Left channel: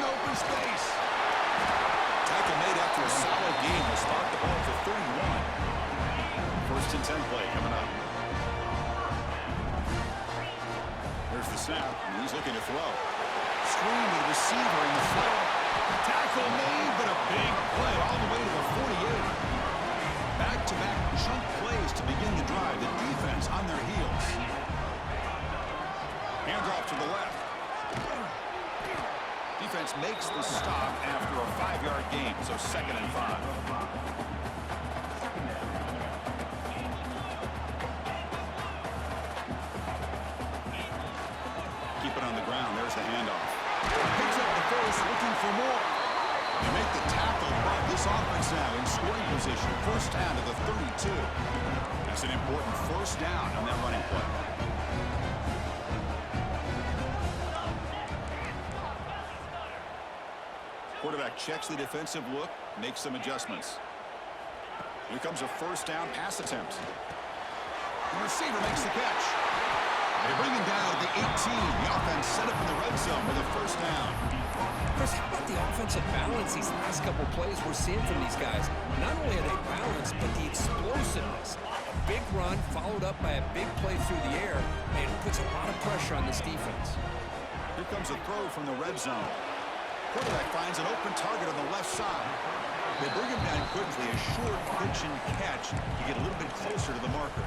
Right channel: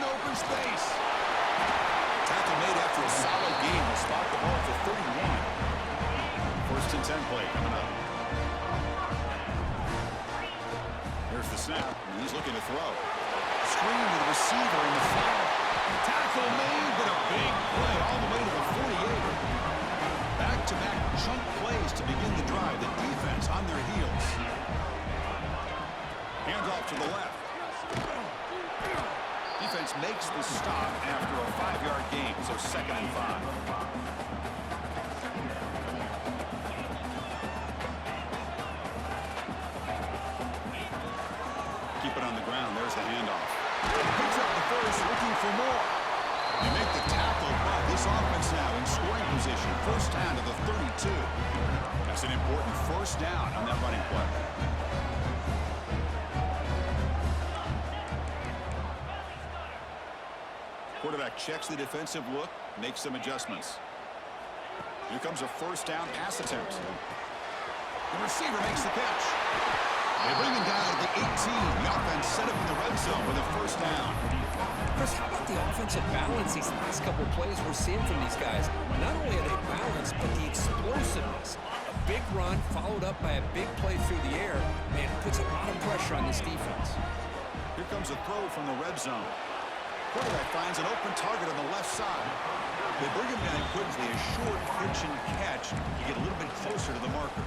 in open space. Tackle made after a solid game. Will spot the ball for 31. First and 10 play coming up. Here's the snap, and he's looking to throw. Screen to the receiver in the flat. Tackle made, but a big play all the way to the 48. Back-to-back chunk plays to begin the drive. The defense on their heels. Handoff to the left. Defense makes the stop after a 5-yard gain, so 2nd and 5. Keep it on the ground. There's the handoff. Picks up the first, looking for more. They make the tackle, but this offense now in scoring position. First down to the 32. That's an important first down on that running play. Quarterback checks the defensive look, makes some adjustments. Here comes a first down pass attempt. The receiver makes the catch. They bring him down to the 18. The offense set up in the red zone with a first down. Chris, how about the offensive balance these last couple plays we're seeing from these guys? Not only are they balanced, but the explosiveness. A big run followed up by a big play through the air, and it puts a lot of pressure on this defense. Here comes a throw from the red zone. Quarterback finds an open target on the left side. They bring him down quickly, a short pitch and catch to get a little bit closer to the marker.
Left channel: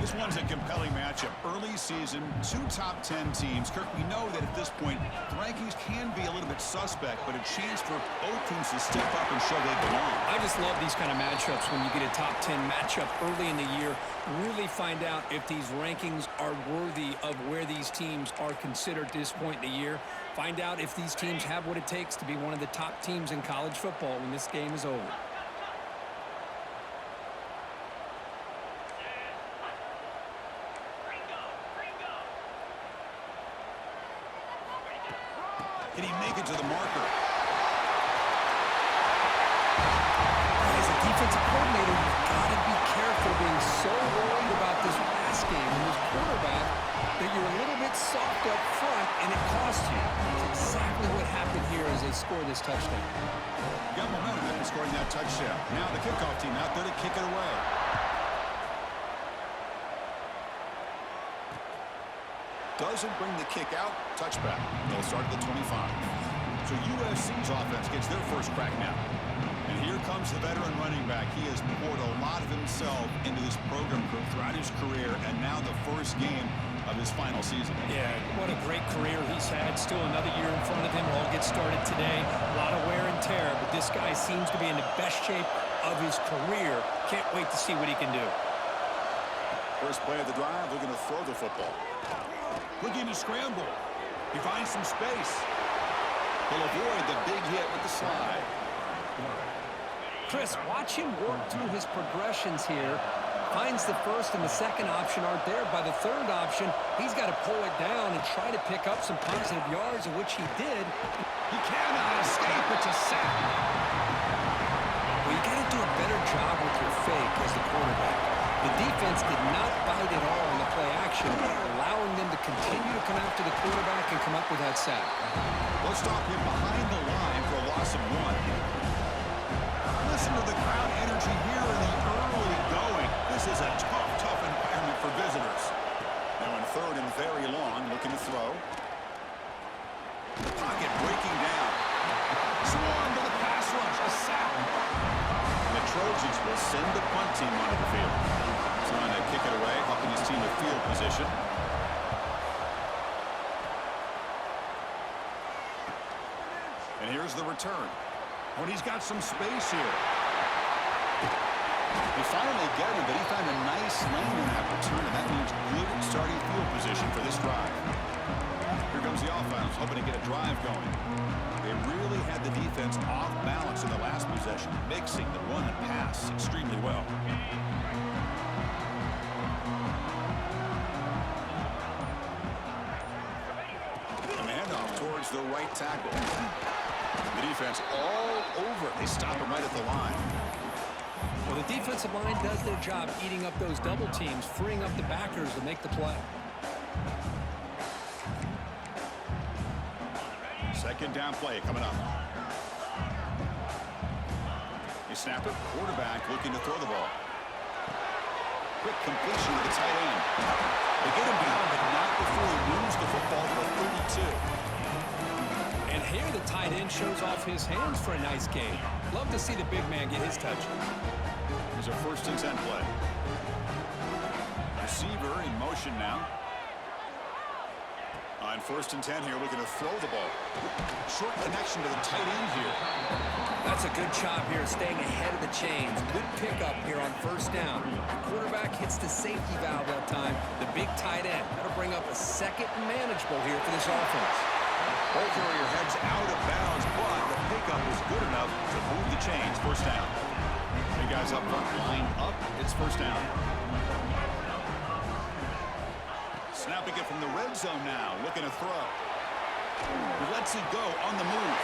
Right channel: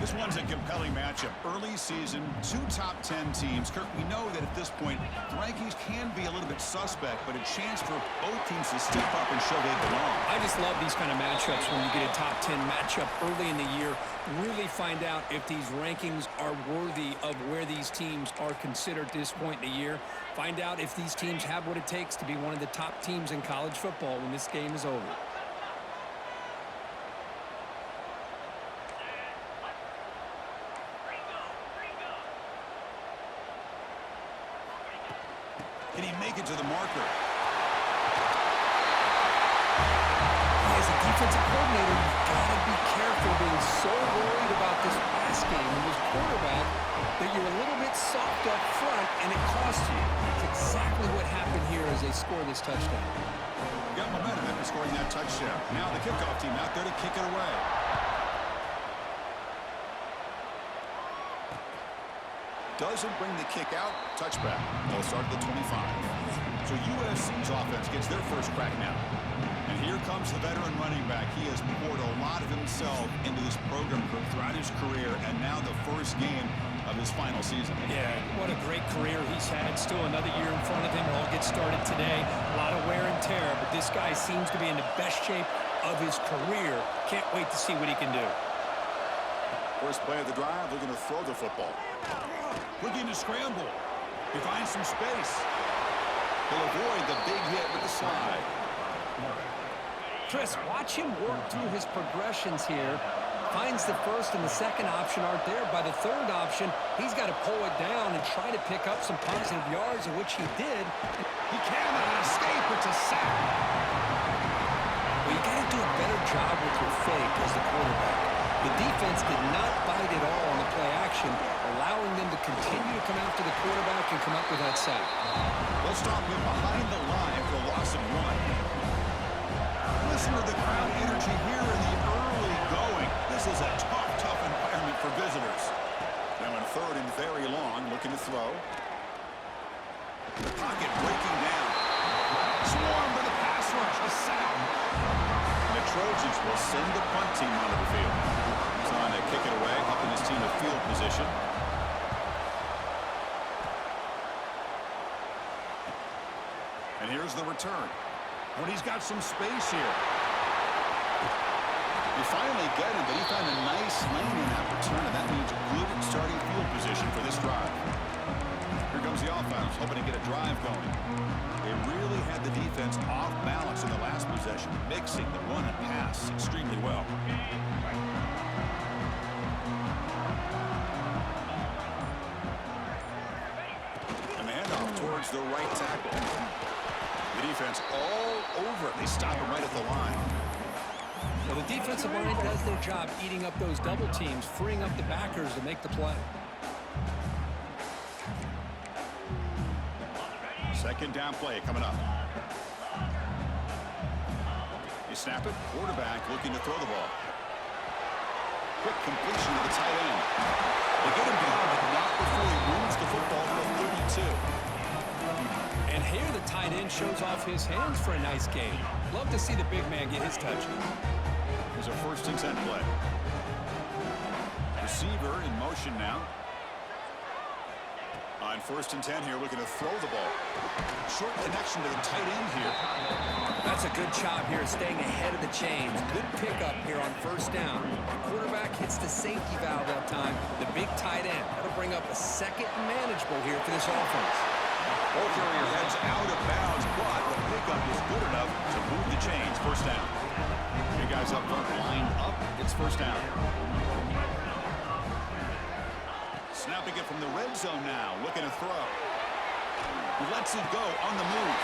This one's a compelling matchup. Early season, 2 top 10 teams. Kirk, we know that at this point, the rankings can be a little bit suspect, but a chance for both teams to step up and show they belong. I just love these kind of matchups when you get a top 10 matchup early in the year. Really find out if these rankings are worthy of where these teams are considered at this point in the year. Find out if these teams have what it takes to be one of the top teams in college football when this game is over. Can he make it to the marker? As a defensive coordinator, you've got to be careful being so worried about this pass game and this quarterback that you're a little bit soft up front and it costs you. It's exactly what happened here as they score this touchdown. Got momentum after scoring that touchdown. Now the kickoff team out there to kick it away. Doesn't bring the kick out. Touchback. They'll start at the 25. So USC's offense gets their first crack now. And here comes the veteran running back. He has poured a lot of himself into this program throughout his career, and now the first game of his final season. Yeah, what a great career he's had. Still another year in front of him. All gets started today. A lot of wear and tear, but this guy seems to be in the best shape of his career. Can't wait to see what he can do. First play of the drive, looking to throw the football. Looking to scramble. He finds some space. He'll avoid the big hit with the slide. Chris, watch him work through his progressions here. Finds the first and the second option aren't there. By the third option, he's got to pull it down and try to pick up some positive yards, which he did. He cannot escape. It's a sack. Well, you got to do a better job with your fake as the quarterback. The defense did not bite at all on the play action, allowing them to continue to come after the quarterback and come up with that sack. Let's stop him behind the line for a loss of 1. Listen to the crowd energy here in the early going. This is a tough environment for visitors. Now in 3rd and very long, looking to throw. The pocket breaking down. Swarm for the pass rush, a sack. And the Trojans will send the punt team onto the field. Trying to kick it away, helping his team to field position. And here's the return. When he's got some space here. They finally get him, but he found a nice lane in that return, and that means good starting field position for this drive. Here comes the offense, hoping to get a drive going. They really had the defense off balance in the last possession, mixing the run and pass extremely well. And the handoff towards the right tackle. The defense all over it. They stop him right at the line. Well, the defensive line does their job eating up those double teams, freeing up the backers to make the play. Second down play coming up. You snap it. Quarterback looking to throw the ball. Quick completion to the tight end. They get him down, but not before he moves the football to the 32. And here the tight end shows off his hands for a nice gain. Love to see the big man get his touches. Here's a 1st and 10 play. Receiver in motion now. On 1st and 10 here, looking to throw the ball. Short connection to the tight end here. That's a good job here, staying ahead of the chains. Good pickup here on 1st down. The quarterback hits the safety valve that time. The big tight end. That'll bring up a 2nd and manageable here for this offense. Ball carrier heads out of bounds, but the pickup is good enough to move the chains. 1st down. Three guys up front lined up. It's 1st down. Snapping it from the red zone now, looking to throw. He lets it go on the move.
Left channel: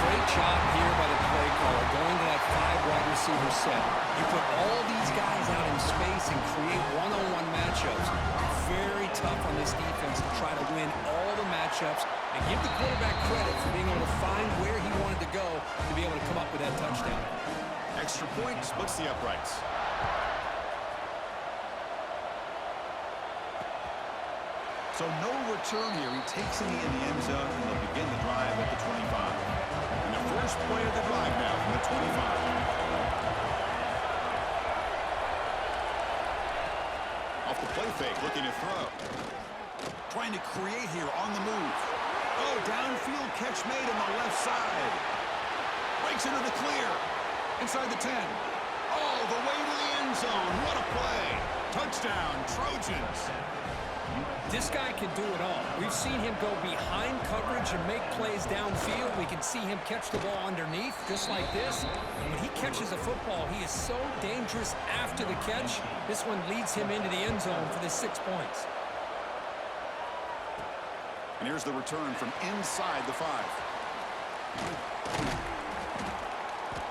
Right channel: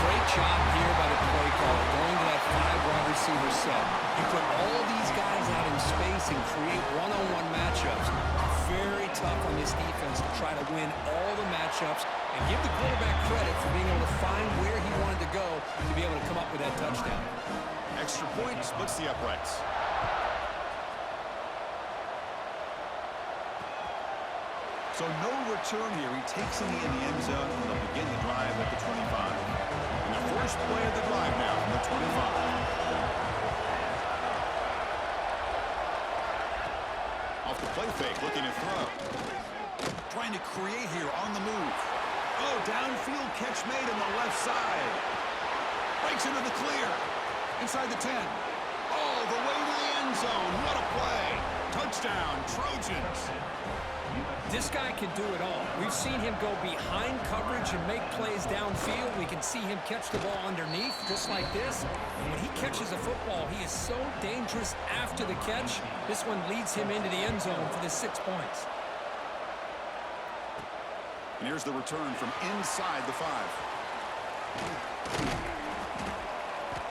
Great job here by the play caller, going to that 5 wide receiver set. You put all these guys out in space and create one-on-one matchups. Very tough on this defense to try to win all the matchups and give the quarterback credit for being able to find where he wanted to go to be able to come up with that touchdown. Extra point splits the uprights. So no return here. He takes it in the end zone, and they'll begin the drive at the 25. And the first play of the drive now from the 25. Off the play fake, looking to throw. Trying to create here on the move. Oh, downfield catch made on the left side. Breaks into the clear. Inside the 10. All the way to the end zone. What a play. Touchdown, Trojans. This guy can do it all. We've seen him go behind coverage and make plays downfield. We can see him catch the ball underneath, just like this. And when he catches a football, he is so dangerous after the catch. This one leads him into the end zone for the 6 points. And here's the return from inside the 5.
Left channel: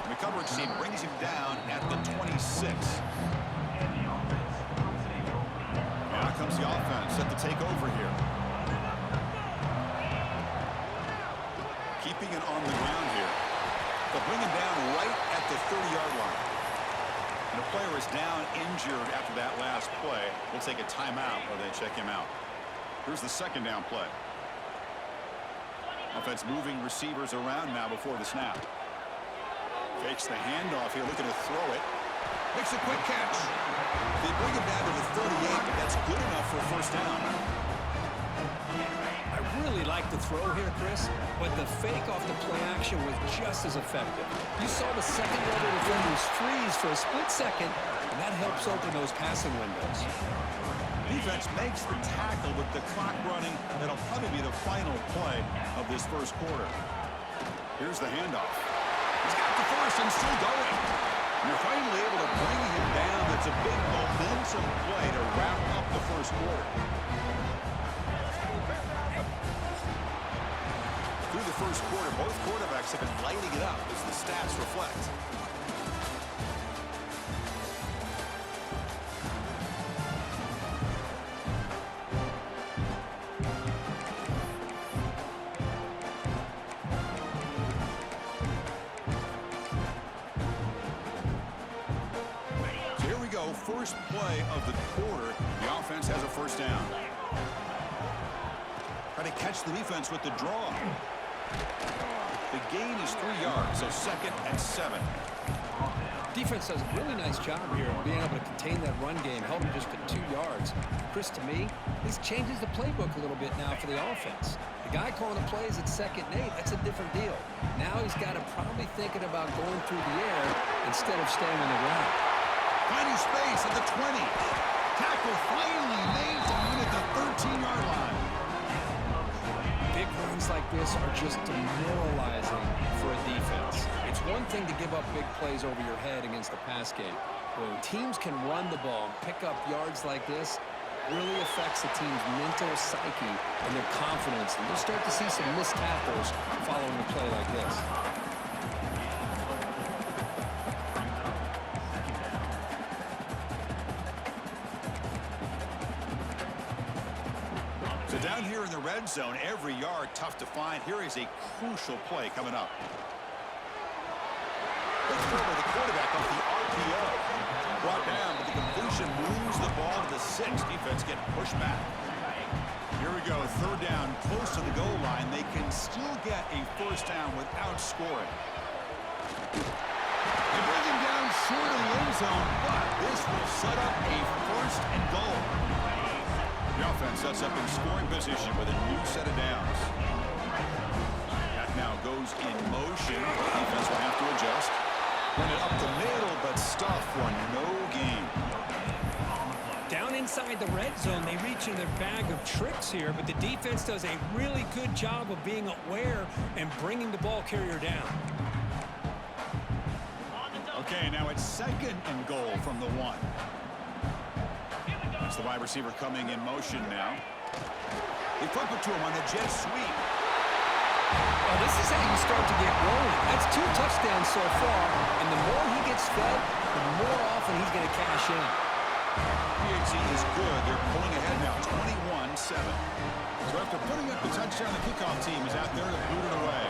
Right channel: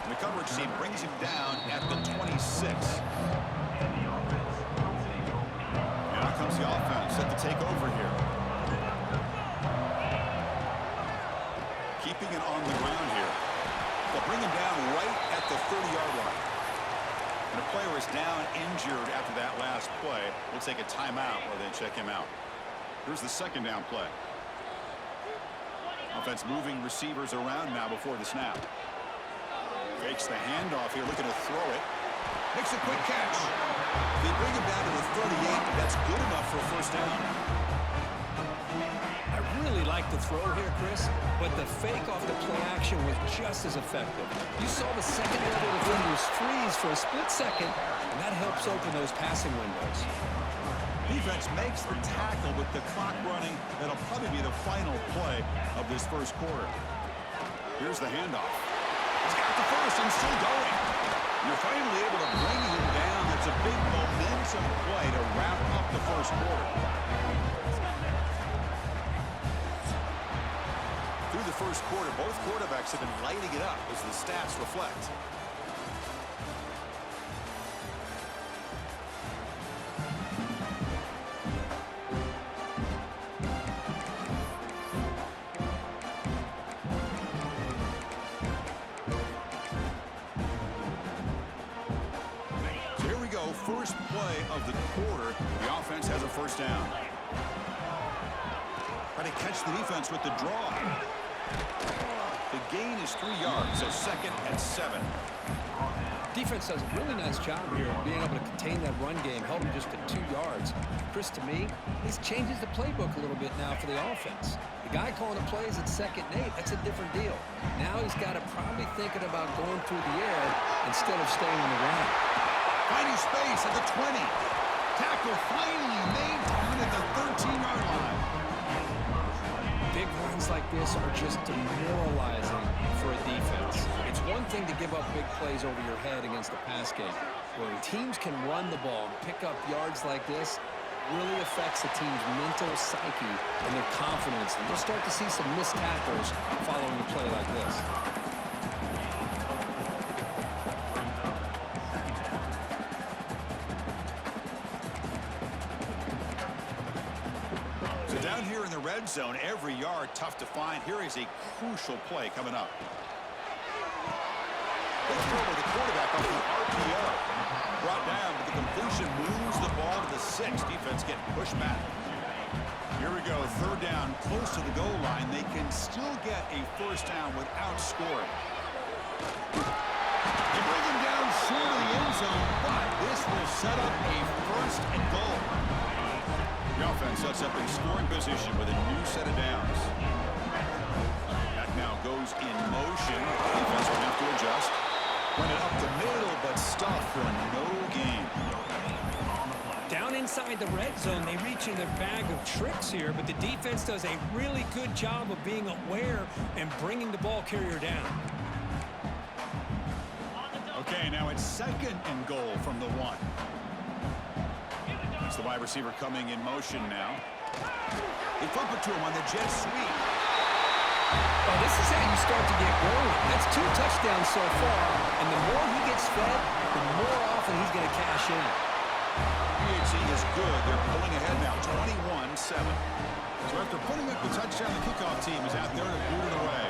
And the coverage team brings him down at the 26. Now comes the offense set to take over here. Keeping it on the ground here. They'll bring him down right at the 30-yard line. And a player is down injured after that last play. We'll take a timeout while they check him out. Here's the 2nd down play. Offense moving receivers around now before the snap. Fakes the handoff here, looking to throw it. Makes a quick catch. They bring him down to the 38, but that's good enough for a 1st down. I really like the throw here, Chris, but the fake off the play action was just as effective. You saw the second-level defenders freeze for a split second, and that helps open those passing windows. Defense makes the tackle with the clock running. That'll probably be the final play of this 1st quarter. Here's the handoff. He's got the 1st and still going. And they're finally able to bring him down. That's a big momentum play to wrap up the 1st quarter. Through the 1st quarter, both quarterbacks have been lighting it up as the stats reflect. First play of the quarter, the offense has a 1st down. Try to catch the defense with the draw. The gain is 3 yards, so 2nd and 7. Defense does a really nice job here of being able to contain that run game, held him just at 2 yards. Chris, to me, this changes the playbook a little bit now for the offense. The guy calling the plays at 2nd and 8, that's a different deal. Now he's got to probably thinking about going through the air instead of staying on the ground. Finding space at the 20. Tackle finally made down at the 13-yard line. Big runs like this are just demoralizing for a defense. It's one thing to give up big plays over your head against the pass game. When teams can run the ball and pick up yards like this, it really affects the team's mental psyche and their confidence. And you'll start to see some missed tackles following a play like this. down here in the red zone, every yard tough to find. Here is a crucial play coming up. Good throw by the quarterback off the RPO. Brought down, but the completion moves the ball to the 6. Defense getting pushed back. Here we go, third down, close to the goal line. They can still get a first down without scoring. They bring him down short of the end zone, but this will set up a first and goal. The offense sets up in scoring position with a new set of downs. That now goes in motion. Defense will have to adjust. Run it up the middle, but stuff for no gain. Down inside the red zone, they reach in their bag of tricks here, but the defense does a really good job of being aware and bringing the ball carrier down. Okay, now it's second and goal from the 1. That's the wide receiver coming in motion now. They flip it to him on the jet sweep. Well, this is how you start to get rolling. That's 2 touchdowns so far, and the more he gets fed, the more often he's going to cash in. PHC is good. They're pulling ahead now, 21-7. So after putting up the touchdown, the kickoff team is out there to boot it away.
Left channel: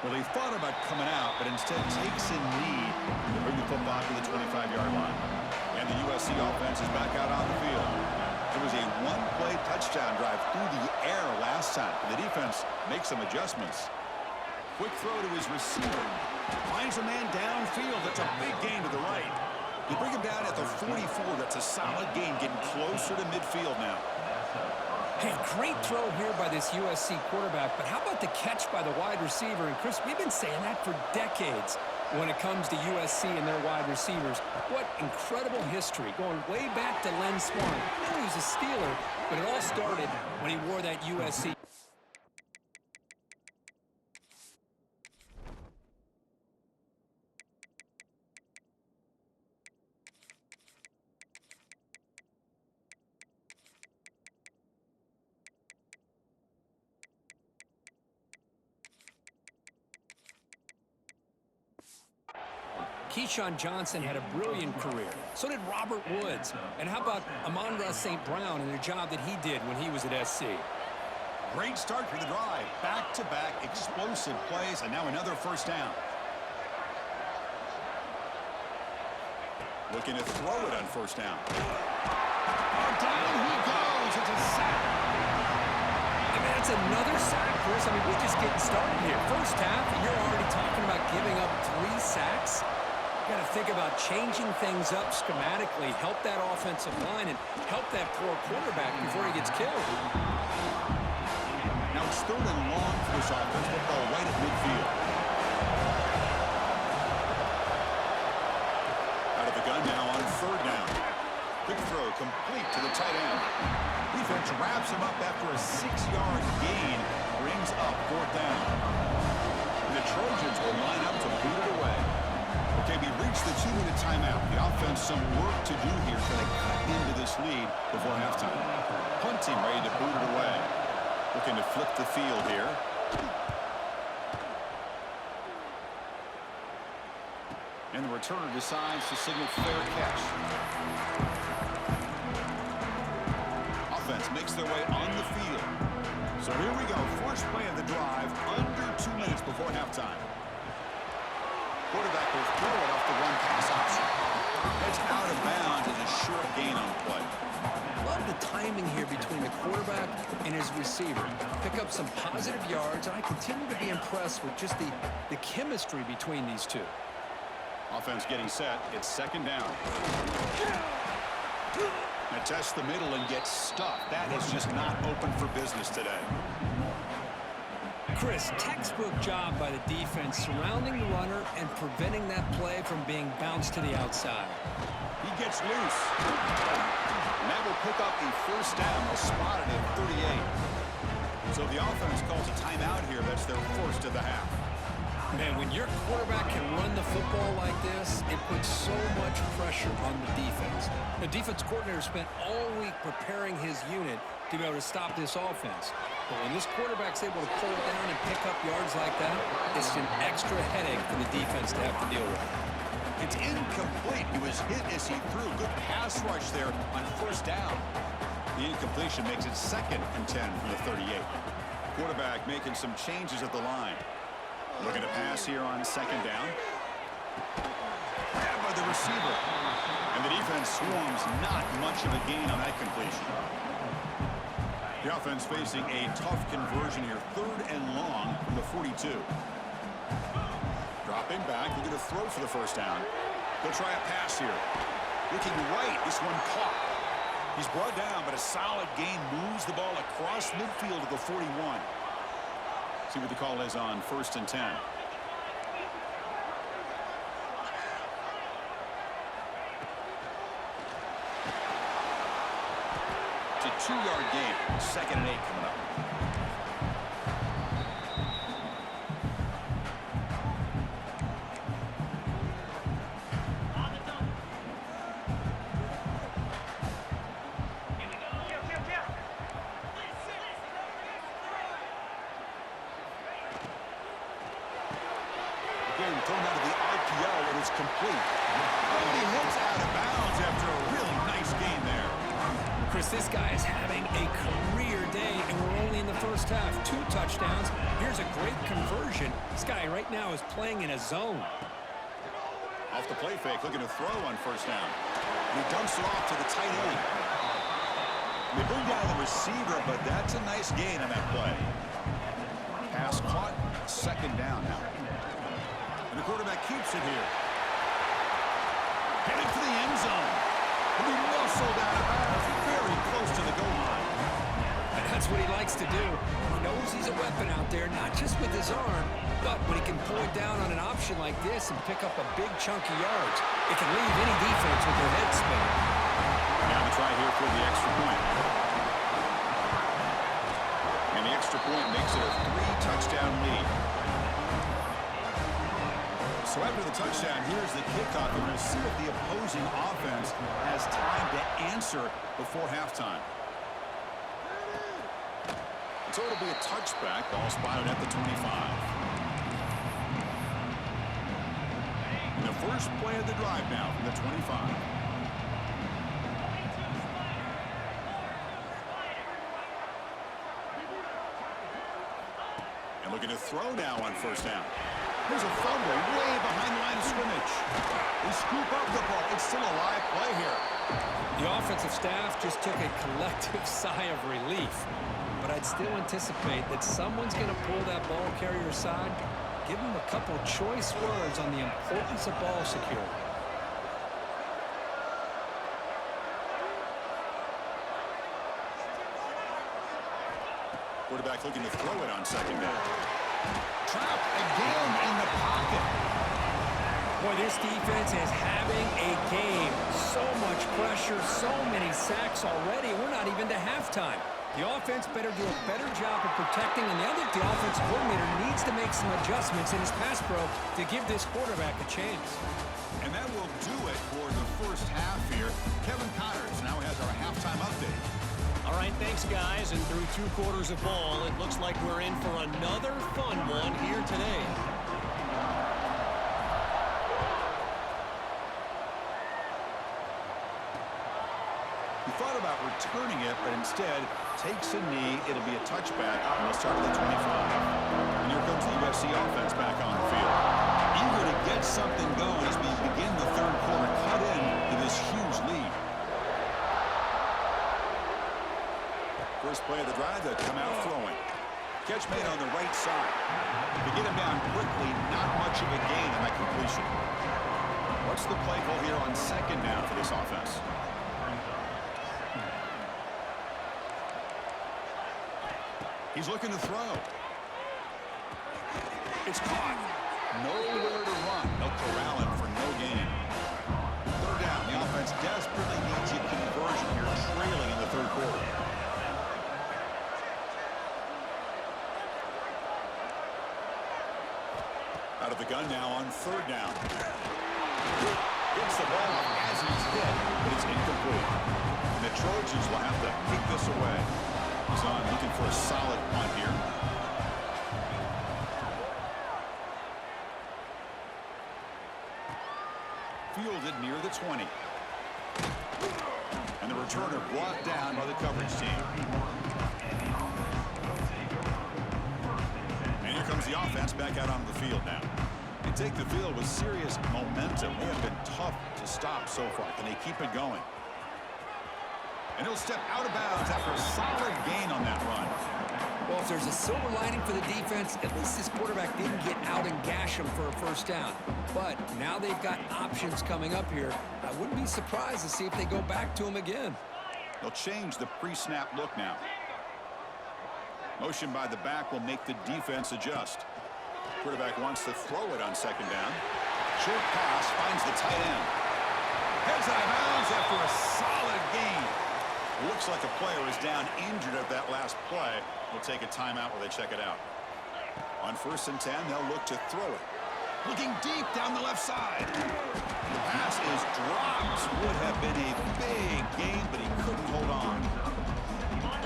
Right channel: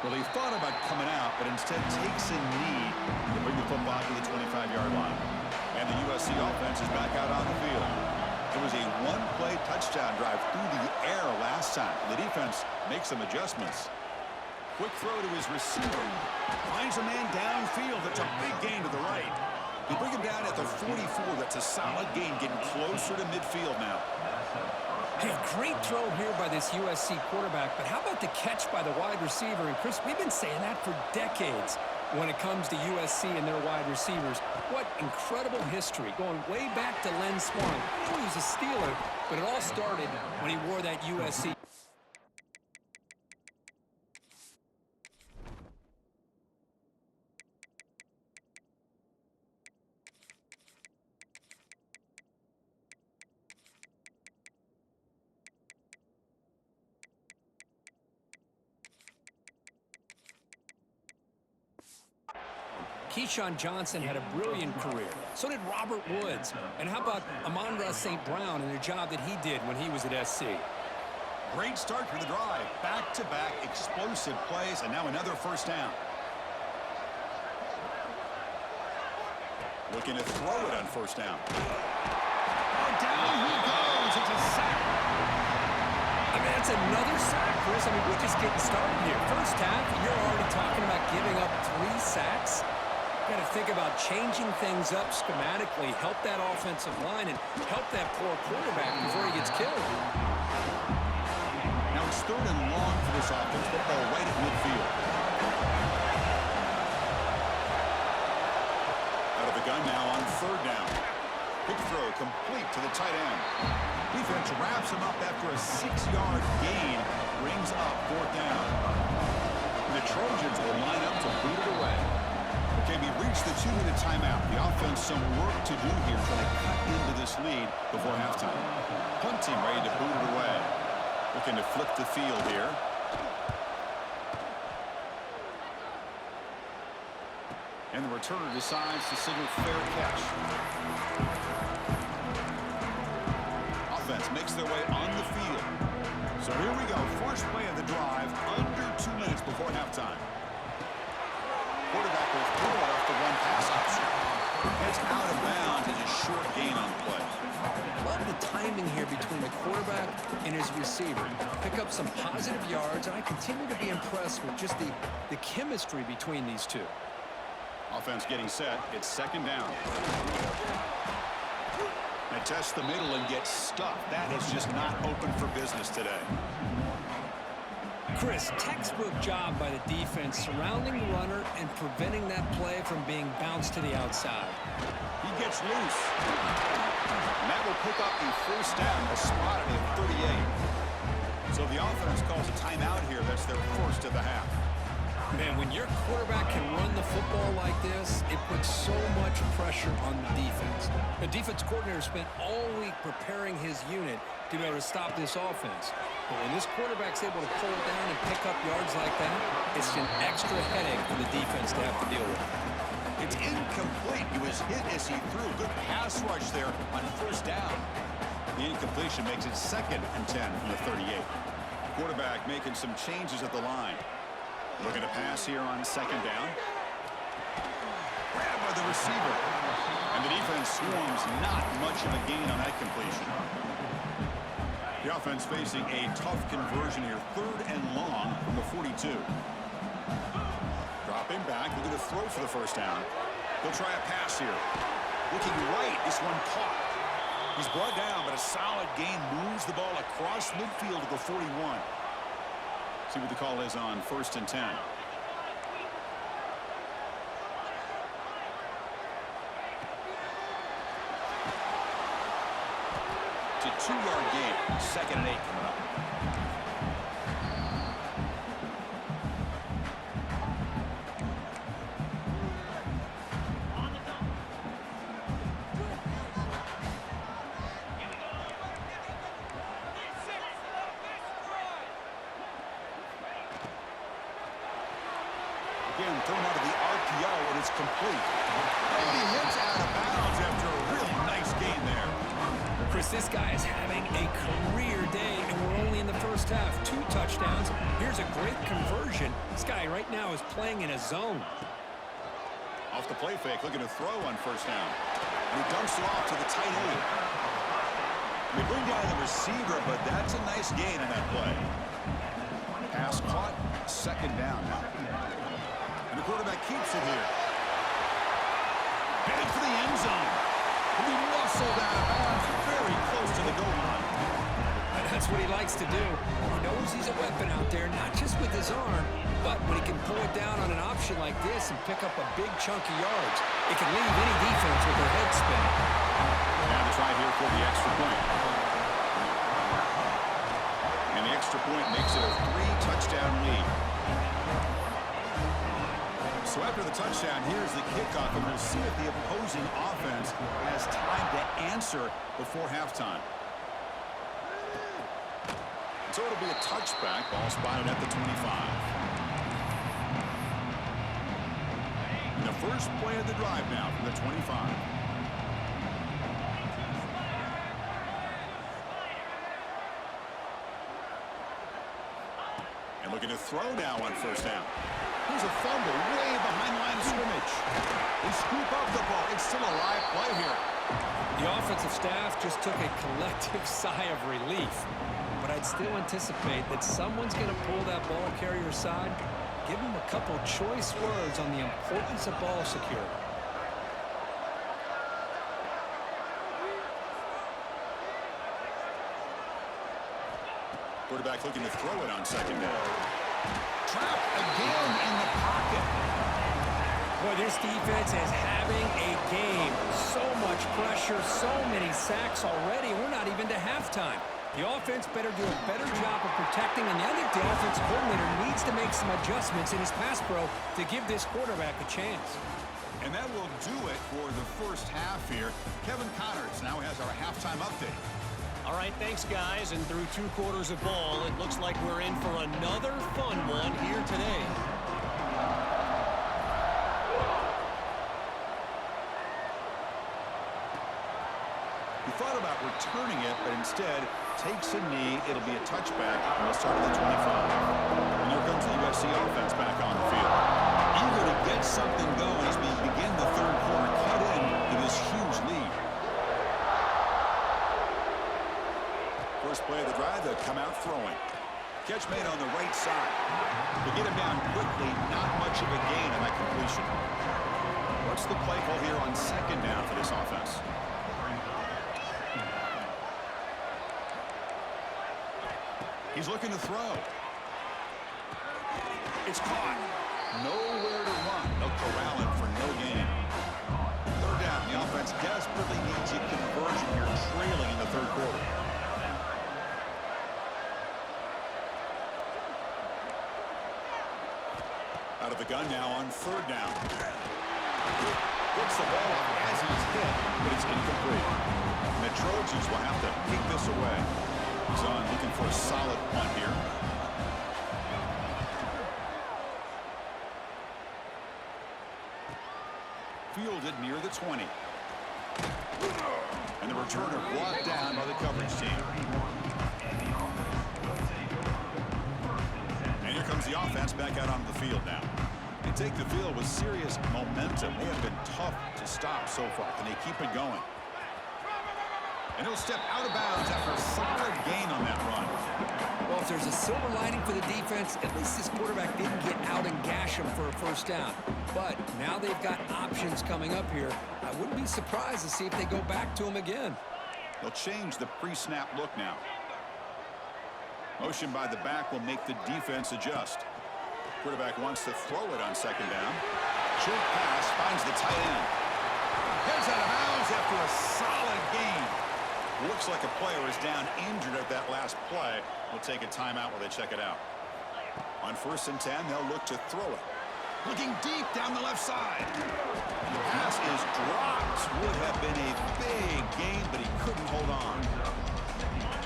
Well, he thought about coming out, but instead takes a knee to bring the football to the 25-yard line. And the USC offense is back out on the field. It was a one-play touchdown drive through the air last time. The defense makes some adjustments. Quick throw to his receiver. Finds a man downfield. That's a big gain to the right. They bring him down at the 44. That's a solid gain, getting closer to midfield now. Hey, great throw here by this USC quarterback, but how about the catch by the wide receiver? And Chris, we've been saying that for decades when it comes to USC and their wide receivers. What incredible history, going way back to Len Swan. I know he was a Steeler, but it all started when he wore that USC. Keyshawn Johnson had a brilliant career. So did Robert Woods. And how about Amon-Ra St. Brown and the job that he did when he was at SC? Great start for the drive. Back-to-back explosive plays, and now another first down. Looking to throw it on first down. Oh, down he goes. It's a sack. I mean, that's another sack, Chris. I mean, we're just getting started here. First half, you're already talking about giving up 3 sacks. You got to think about changing things up schematically, help that offensive line, and help that poor quarterback before he gets killed. Now it's third and long for this offense. Football right at midfield. Out of the gun now on third down. Quick throw complete to the tight end. Defense wraps him up after a 6-yard gain. Brings up fourth down. And the Trojans will line up to boot it away. Okay, we reached the 2-minute timeout. The offense some work to do here, trying to cut into this lead before halftime. Punt team ready to boot it away. Looking to flip the field here. And the returner decides to signal fair catch. Offense makes their way on the field. So here we go. First play of the drive, under 2 minutes before halftime. Quarterback will throw it off the run-pass option. It's out of bounds as a short gain on play. Love the timing here between the quarterback and his receiver. Pick up some positive yards, and I continue to be impressed with just the chemistry between these two. Offense getting set. It's second down. Now test the middle and get stuffed. That is just not open for business today. Chris, textbook job by the defense surrounding the runner and preventing that play from being bounced to the outside. He gets loose. And that will pick up the first down. They'll spot it at 38. So the offense calls a timeout here. That's their first of the half. Man, when your quarterback can run the football like this, it puts so much pressure on the defense. The defense coordinator spent all week preparing his unit to be able to stop this offense. But when this quarterback's able to pull it down and pick up yards like that, it's an extra headache for the defense to have to deal with. It's incomplete. He was hit as he threw. Good pass rush there on first down. The incompletion makes it 2nd and 10 from the 38. Quarterback making some changes at the line. Looking to pass here on 2nd down. Grabbed by the receiver. And the defense swarms, not much of a gain on that completion. The offense facing a tough conversion here. 3rd and long from the 42. Dropping back, looking to throw for the first down. They'll try a pass here. Looking right, this one caught. He's brought down, but a solid gain moves the ball across midfield to the 41. See what the call is on 1st and 10. It's a 2-yard gain. 2nd and 8 coming up. Again, thrown out of the RPO, and it's complete. Oh, and he hits out of bounds after a really nice gain there. Chris, this guy is having a career day, and we're only in the first half. 2 touchdowns. Here's a great conversion. This guy right now is playing in a zone. Off the play fake, looking to throw on first down. And he dumps it off to the tight end. They bring down the receiver, but that's a nice gain on that play. Pass caught, 2nd down now. And the quarterback keeps it here. Heading for the end zone. He'll be muscled out of bounds, very close to the goal line. And that's what he likes to do. He knows he's a weapon out there, not just with his arm, but when he can pull it down on an option like this and pick up a big chunk of yards, it can leave any defense with their head spinning. Now the try here for the extra point. And the extra point makes it a 3-touchdown lead. So after the touchdown, here's the kickoff, and we'll see if the opposing offense has time to answer before halftime. So it'll be a touchback. Ball spotted at the 25. And the first play of the drive now from the 25. And looking to throw now on first down. Here's a fumble way behind the line of scrimmage. They scoop up the ball. It's still a live play here. The offensive staff just took a collective sigh of relief. But I'd still anticipate that someone's going to pull that ball carrier aside, give him a couple choice words on the importance of ball security. Quarterback looking to throw it on 2nd down. Trapped again in the pocket. Boy, this defense is having a game. So much pressure, so many sacks already. We're not even to halftime. The offense better do a better job of protecting, and I think the offensive coordinator needs to make some adjustments in his pass pro to give this quarterback a chance. And that will do it for the first half here. Kevin Connors now has our halftime update. All right, thanks, guys. And through 2 quarters of ball, it looks like we're in for another fun one here today. He thought about returning it, but instead takes a knee. It'll be a touchback, and they'll start at the 25. And here comes the USC offense back on the field. Eager to get something going as we begin the 3rd quarter, cut in to this huge lead. First play of the drive, they'll come out throwing. Catch made on the right side. To get him down quickly, not much of a gain on that completion. What's the play call here on 2nd down for this offense? He's looking to throw. It's caught. Nowhere to run. They'll corral him for no gain. 3rd down. The offense desperately needs a conversion here, trailing in the 3rd quarter. Out of the gun now on 3rd down. Gets the ball off as he's hit, but it's incomplete. And the Trojans will have to kick this away. He's on looking for a solid punt here. fielded near the 20. And the returner brought down by the coverage team. And here comes the offense back out onto the field now. They take the field with serious momentum. They have been tough to stop so far. Can they keep it going? And he'll step out of bounds after a solid gain on that run. Well, if there's a silver lining for the defense, at least this quarterback didn't get out and gash him for a first down. But now they've got options coming up here. I wouldn't be surprised to see if they go back to him again. They'll change the pre-snap look now. Motion by the back will make the defense adjust. Quarterback wants to throw it on second down. Short pass finds the tight end. Heads out of bounds after a solid gain. Looks like a player is down injured at that last play. We'll take a timeout while they check it out. On 1st and 10, they'll look to throw it. Looking deep down the left side. The pass is dropped. Would have been a big gain, but he couldn't hold on.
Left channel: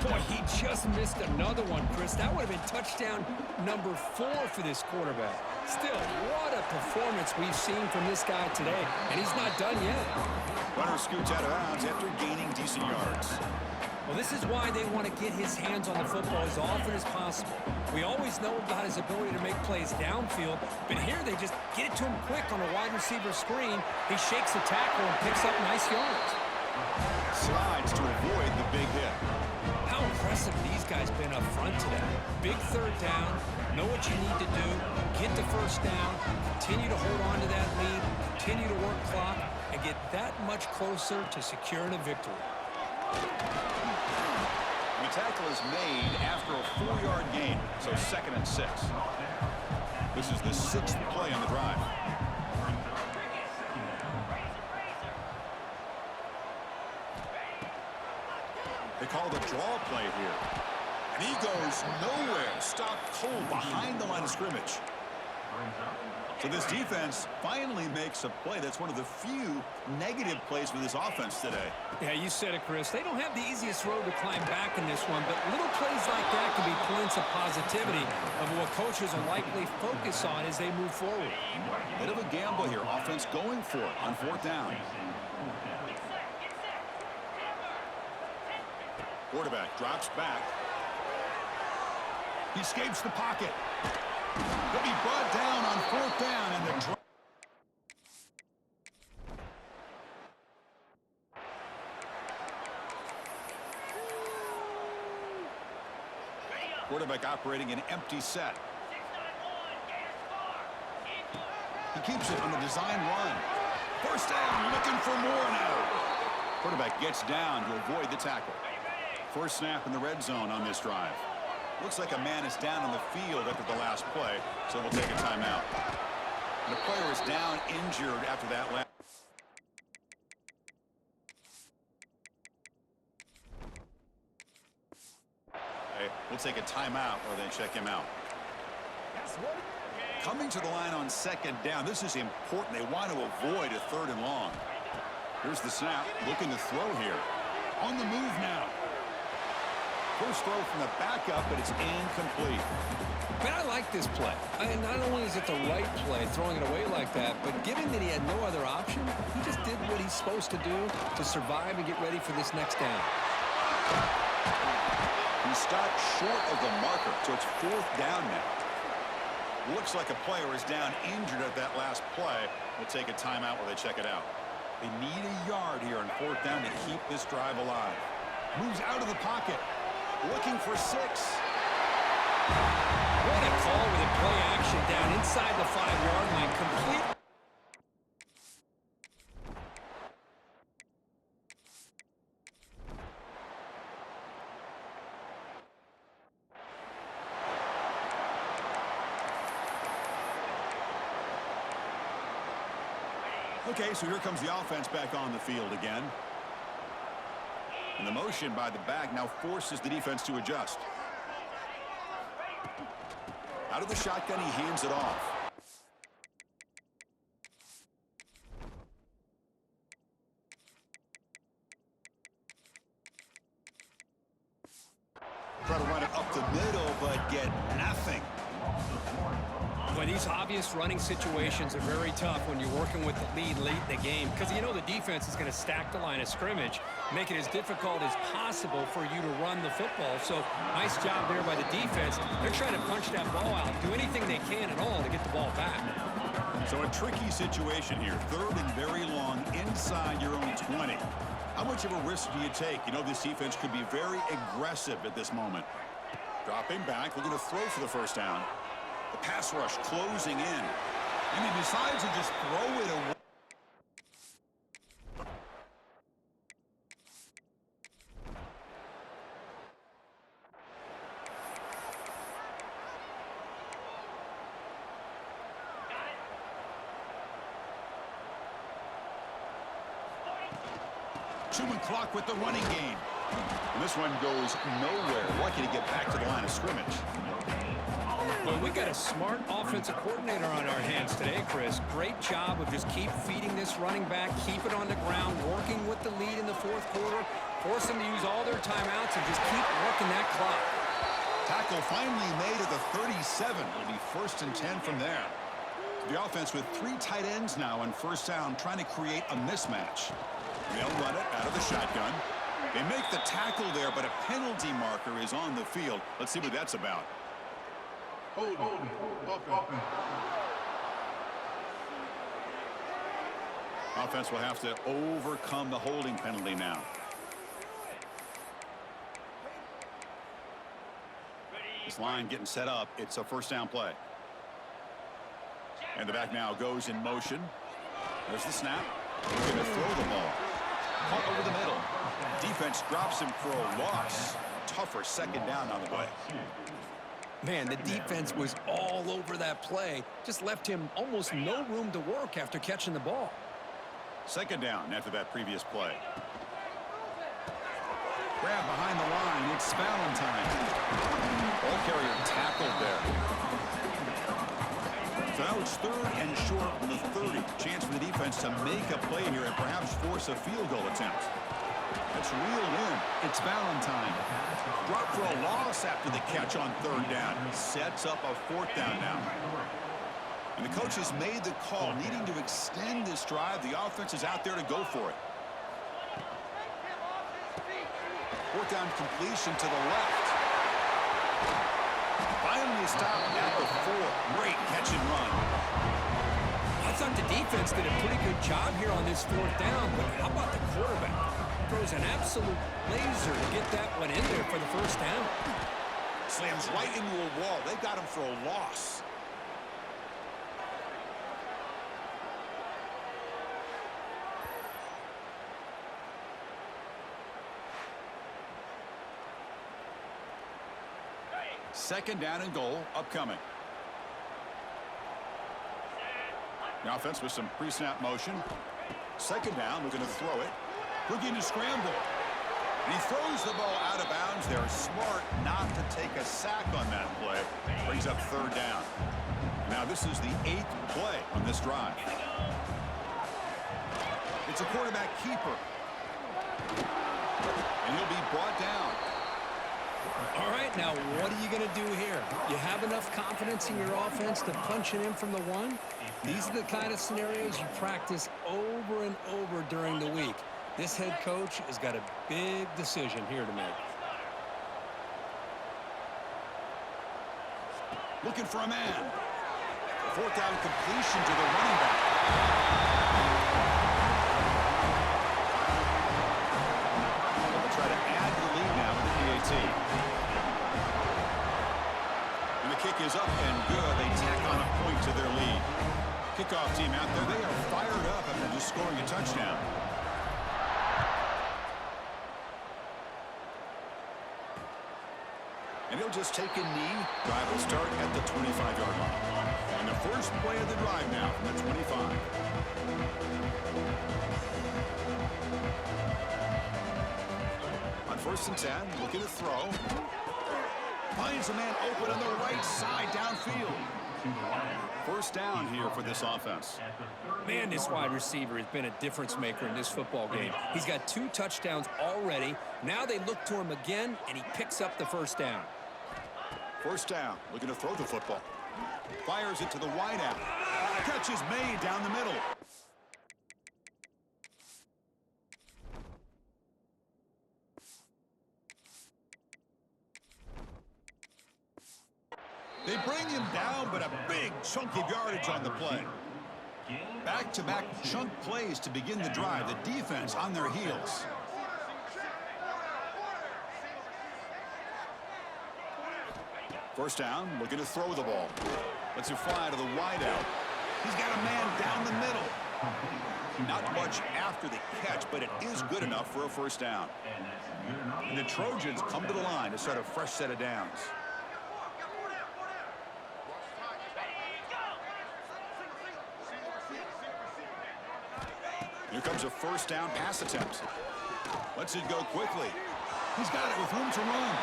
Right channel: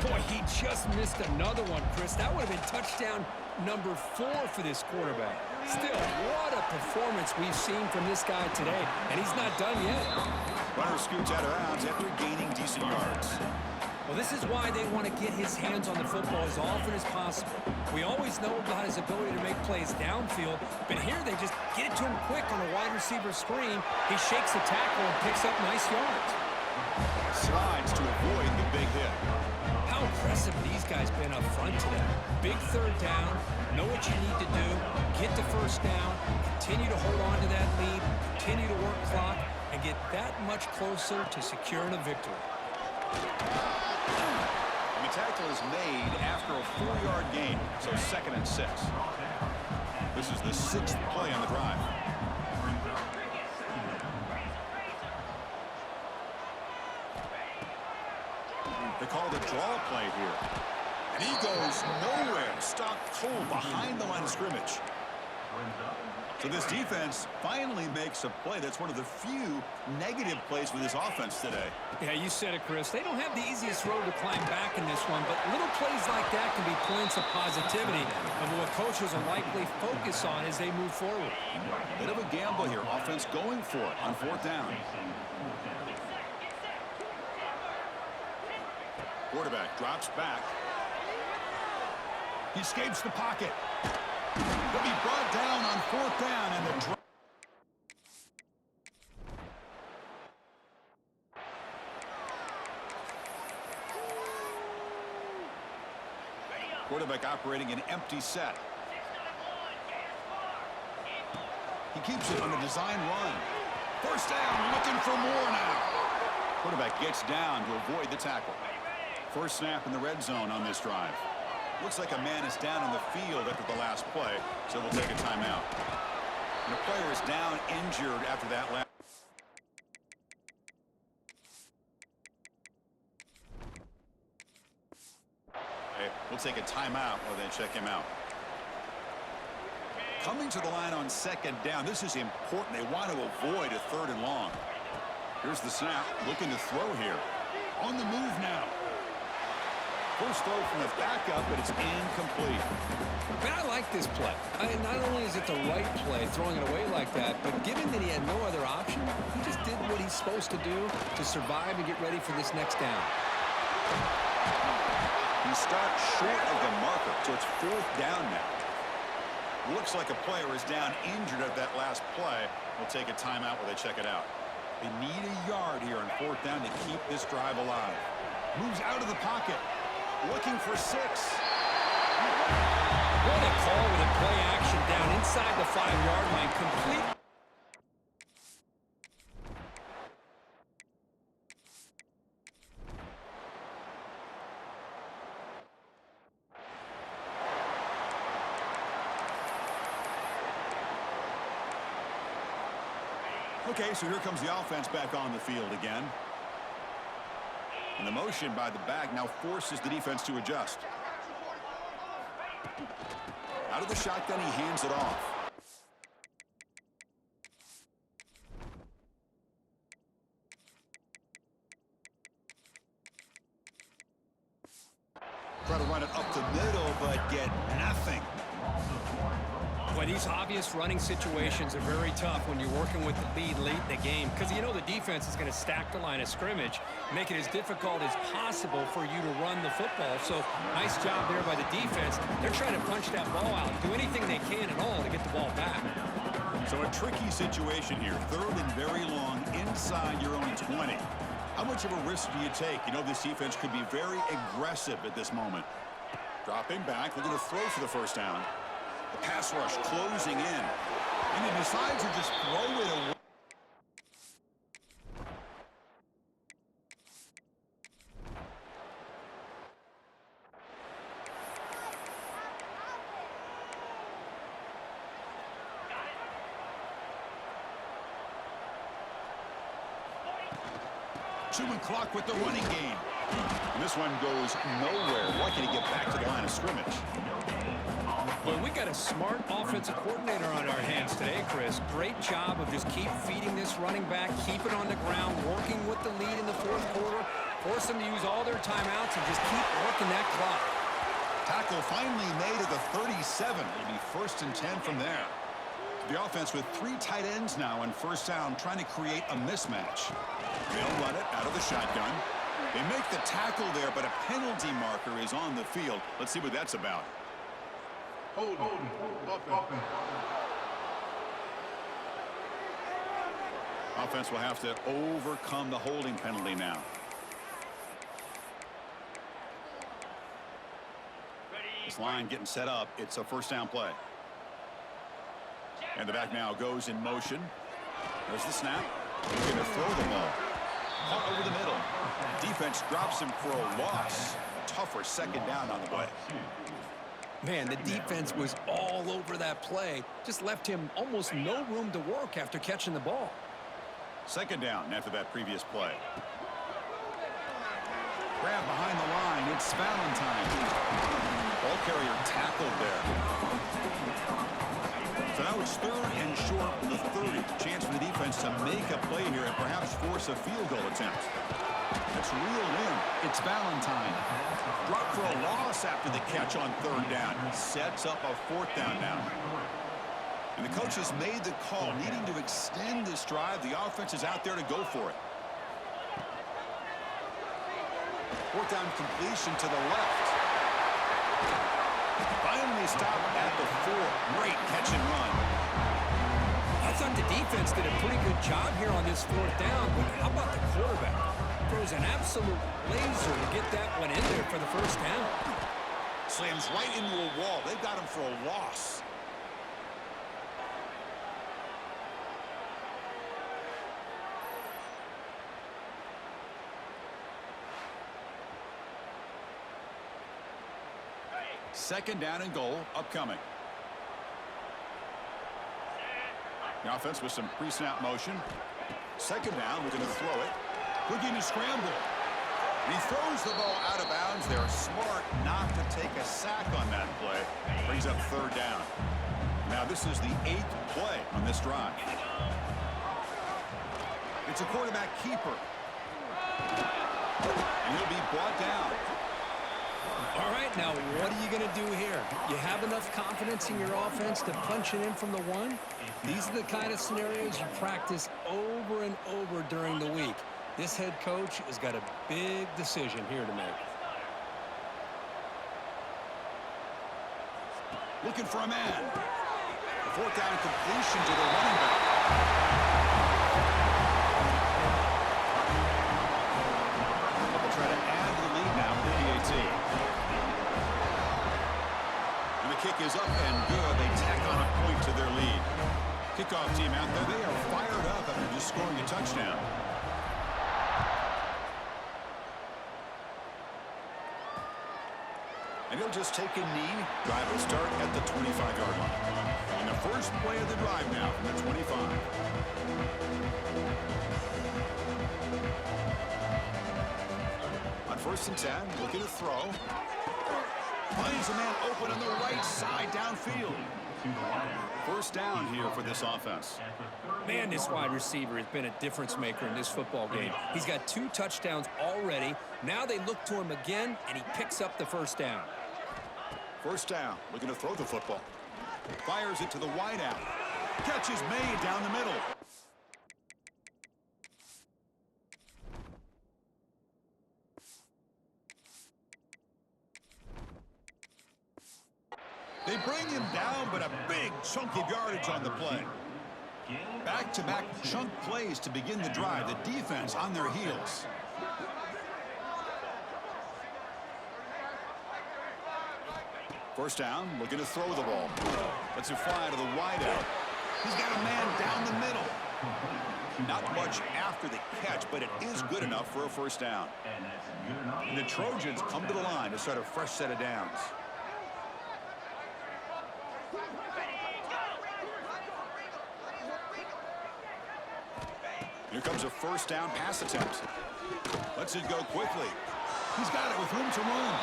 Boy, he just missed another one, Chris. That would have been touchdown number 4 for this quarterback. Still, what a performance we've seen from this guy today, and he's not done yet. Runner scoots out of bounds after gaining decent yards. Well, this is why they want to get his hands on the football as often as possible. We always know about his ability to make plays downfield, but here they just get it to him quick on a wide receiver screen. He shakes the tackle and picks up nice yards. Slides to avoid the big hit. How impressive these guys been up front today. Big third down, know what you need to do, get the first down, continue to hold on to that lead, continue to work clock, and get that much closer to securing a victory. And the tackle is made after a 4-yard gain, so 2nd and 6. This is the 6th play on the drive. They call the draw play here. And he goes nowhere. Stopped cold behind the line of scrimmage. So this defense finally makes a play. That's one of the few negative plays for this offense today. Yeah, you said it, Chris. They don't have the easiest road to climb back in this one, but little plays like that can be points of positivity of what coaches will likely focus on as they move forward. Bit of a gamble here. Offense going for it on 4th down. Quarterback drops back. He escapes the pocket. He'll be brought down on 4th down, and the quarterback operating an empty set. He keeps it on the design run. 1st down, looking for more now. Quarterback gets down to avoid the tackle. First snap in the red zone on this drive. Looks like a man is down on the field after the last play, so we'll take a timeout. And a player is down injured after that last. We'll take a timeout while they check him out. Coming to the line on 2nd down. This is important. They want to avoid a 3rd and long. Here's the snap. Looking to throw here. On the move now. First throw from the backup, but it's incomplete. But I like this play. Not only is it the right play, throwing it away like that, but given that he had no other option, he just did what he's supposed to do to survive and get ready for this next down. He stopped short of the marker, so it's 4th down now. Looks like a player is down injured at that last play. We'll take a timeout while they check it out. They need a yard here on 4th down to keep this drive alive. Moves out of the pocket. Looking for 6. What a call with a play action down inside the 5-yard line. Complete. Okay, so here comes the offense back on the field again. And the motion by the back now forces the defense to adjust. Out of the shotgun, he hands it off. Try to run it up the middle, but get nothing. Boy, these obvious running situations are very tough when you're working with the lead late in the game because you know the defense is going to stack the line of scrimmage, make it as difficult as possible for you to run the football. So nice job there by the defense. They're trying to punch that ball out, do anything they can at all to get the ball back. So a tricky situation here. 3rd and very long inside your own 20. How much of a risk do you take? You know this defense could be very aggressive at this moment. Dropping back, looking to throw for the first down. The pass rush closing in. And he decides to just throw it away. Chewing clock with the running game. And this one goes nowhere. Lucky to get back to the line of scrimmage. Well, we got a smart offensive coordinator on our hands today, Chris. Great job of just keep feeding this running back, keep it on the ground, working with the lead in the 4th quarter, force them to use all their timeouts, and just keep working that clock. Tackle finally made at the 37. It'll be 1st and 10 from there. The offense with 3 tight ends now on first down, trying to create a mismatch. They'll run it out of the shotgun. They make the tackle there, but a penalty marker is on the field. Let's see what that's about. Hold it. Offense will have to overcome the holding penalty now. This line getting set up. It's a first down play. And the back now goes in motion. There's the snap. He's going to throw the ball. Caught over the middle. Defense drops him for a loss. A tougher second down on the way. Man, the defense was all over that play. Just left him almost no room to work after catching the ball. Second down after that previous play. Grab behind the line. It's Valentine. Ball carrier tackled there. So now it's 3rd and short from the 30. Chance for the defense to make a play here and perhaps force a field goal attempt. That's reeled in. It's Valentine. Drop for a loss after the catch on 3rd down. Sets up a 4th down now. And the coach has made the call, needing to extend this drive. The offense is out there to go for it. 4th down completion to the left. Finally stopped at the 4. Great catch and run. I thought the defense did a pretty good job here on this 4th down, but how about the quarterback? Throws an absolute laser to get that one in there for the first down. Slams right into a wall. They've got him for a loss. Second down and goal upcoming. The offense with some pre-snap motion. Second down, we're going to throw it. Looking to scramble. And he throws the ball out of bounds there. Smart not to take a sack on that play. Brings up 3rd down. Now this is the 8th play on this drive. It's a quarterback keeper. And he'll be brought down. All right, now what are you going to do here? You have enough confidence in your offense to punch it in from the 1? These are the kind of scenarios you practice over and over during the week. This head coach has got a big decision here to make. Looking for a man. The 4th down completion to the running back. But they'll try to add to the lead now with the PAT. And the kick is up and good. They tack on a point to their lead. Kickoff team out there, they are fired up after just scoring a touchdown. And he'll just take a knee. Drive will start at the 25-yard line. And the first play of the drive now from the 25. On 1st and 10, looking to throw. Finds a man open on the right side downfield. First down here for this offense. Man, this wide receiver has been a difference maker in this football game. He's got 2 touchdowns already. Now they look to him again, and he picks up the first down. First down, looking to throw the football. Fires it to the wideout. Catch is made down the middle. They bring him down, but a big chunk of yardage on the play. Back-to-back chunk plays to begin the drive. The defense on their heels. First down, looking to throw the ball. Lets it fly to the wideout. He's got a man down the middle. Not much after the catch, but it is good enough for a first down. And the Trojans come to the line to start a fresh set of downs. Here comes a first down pass attempt. Lets it go quickly. He's got it with room to run.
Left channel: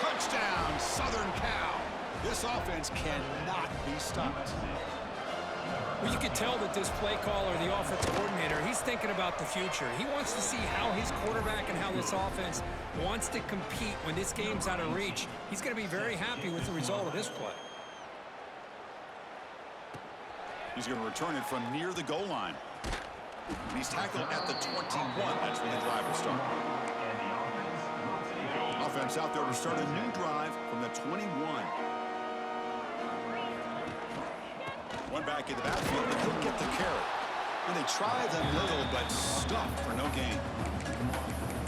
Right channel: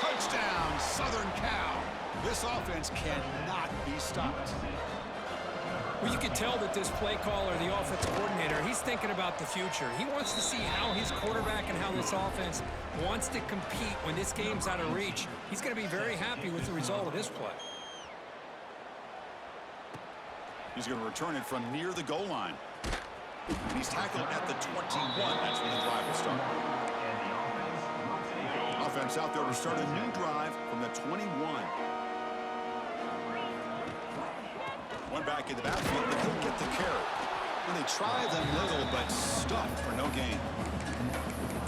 Touchdown, Southern Cal. This offense cannot be stopped. Well, you can tell that this play caller, the offensive coordinator, he's thinking about the future. He wants to see how his quarterback and how this offense wants to compete when this game's out of reach. He's going to be very happy with the result of this play. He's going to return it from near the goal line. And he's tackled at the 21. That's when the drive will start. Offense out there to start a new drive from the 21. One back in the backfield, but he'll get the carry. And they try them little, but stuff for no gain.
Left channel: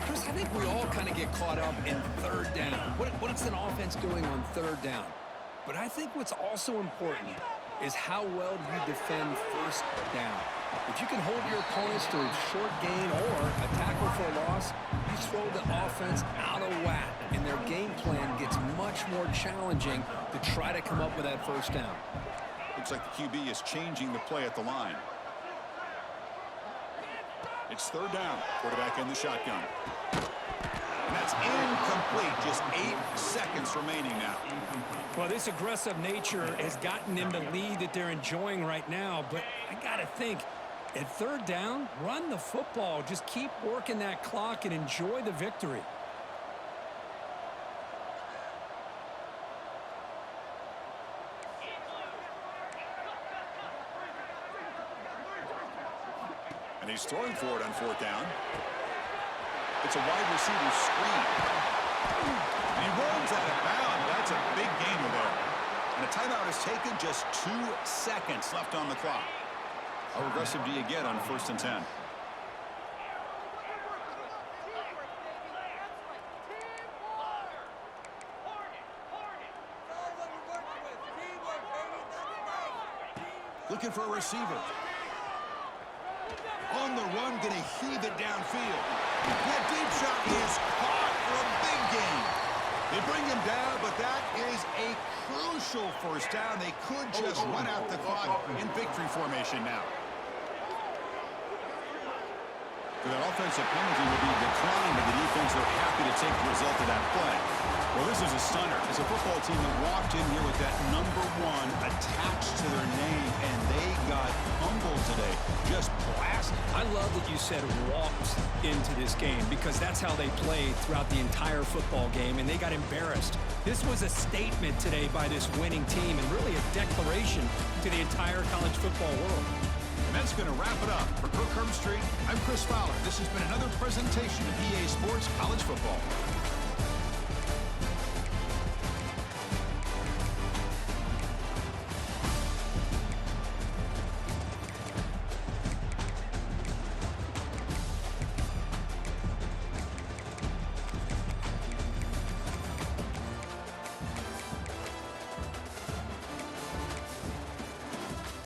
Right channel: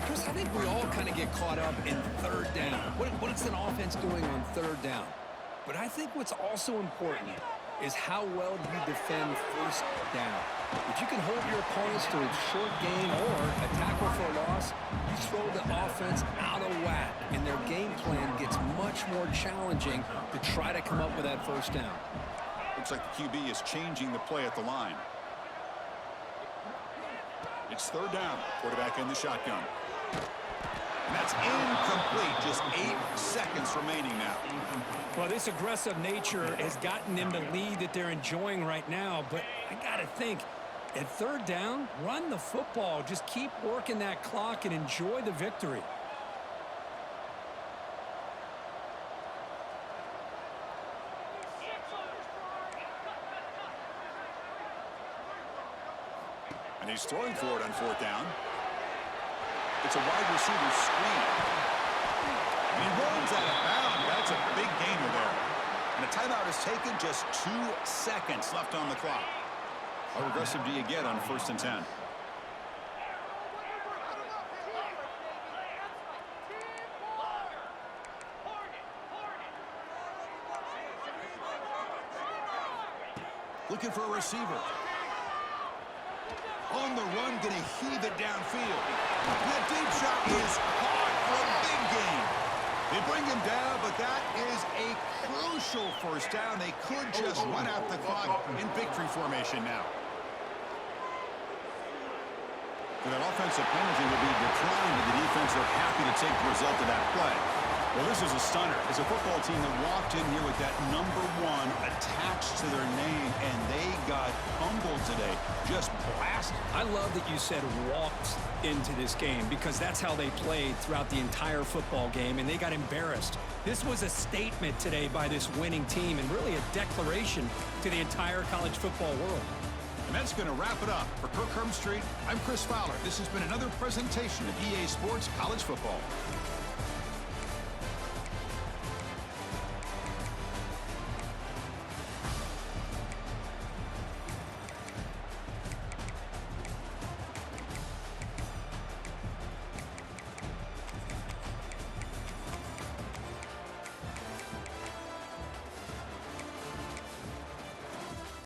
Chris, I think we all kind of get caught up in third down. What's an offense doing on third down? But I think what's also important is how well you defend first down. If you can hold your opponents to a short gain or a tackle for a loss, you throw the offense out of whack, and their game plan gets much more challenging to try to come up with that first down. Looks like the QB is changing the play at the line. It's third down. Quarterback in the shotgun. And that's incomplete. Just 8 seconds remaining now. Well, this aggressive nature has gotten them the lead that they're enjoying right now. But I got to think, at third down, run the football. Just keep working that clock and enjoy the victory. And he's throwing for it on fourth down. It's a wide receiver screen. And he runs out of bounds. That's a big gainer there. And a timeout is taken, just 2 seconds left on the clock. How aggressive do you get on 1st and 10? Looking for a receiver. On the run, going to heave it downfield. That deep shot is caught for a big gain. They bring him down, but that is a crucial first down. They could just run out the clock in victory formation now. So that offensive penalty will be declined, but the defense are happy to take the result of that play. Well, this is a stunner. It's a football team that walked in here with that number 1 attached to their name, and they got humbled today. Just blasted. I love that you said walked into this game because that's how they played throughout the entire football game, and they got embarrassed. This was a statement today by this winning team and really a declaration to the entire college football world. And that's going to wrap it up. For Kirk Street, I'm Chris Fowler. This has been another presentation of EA Sports College Football.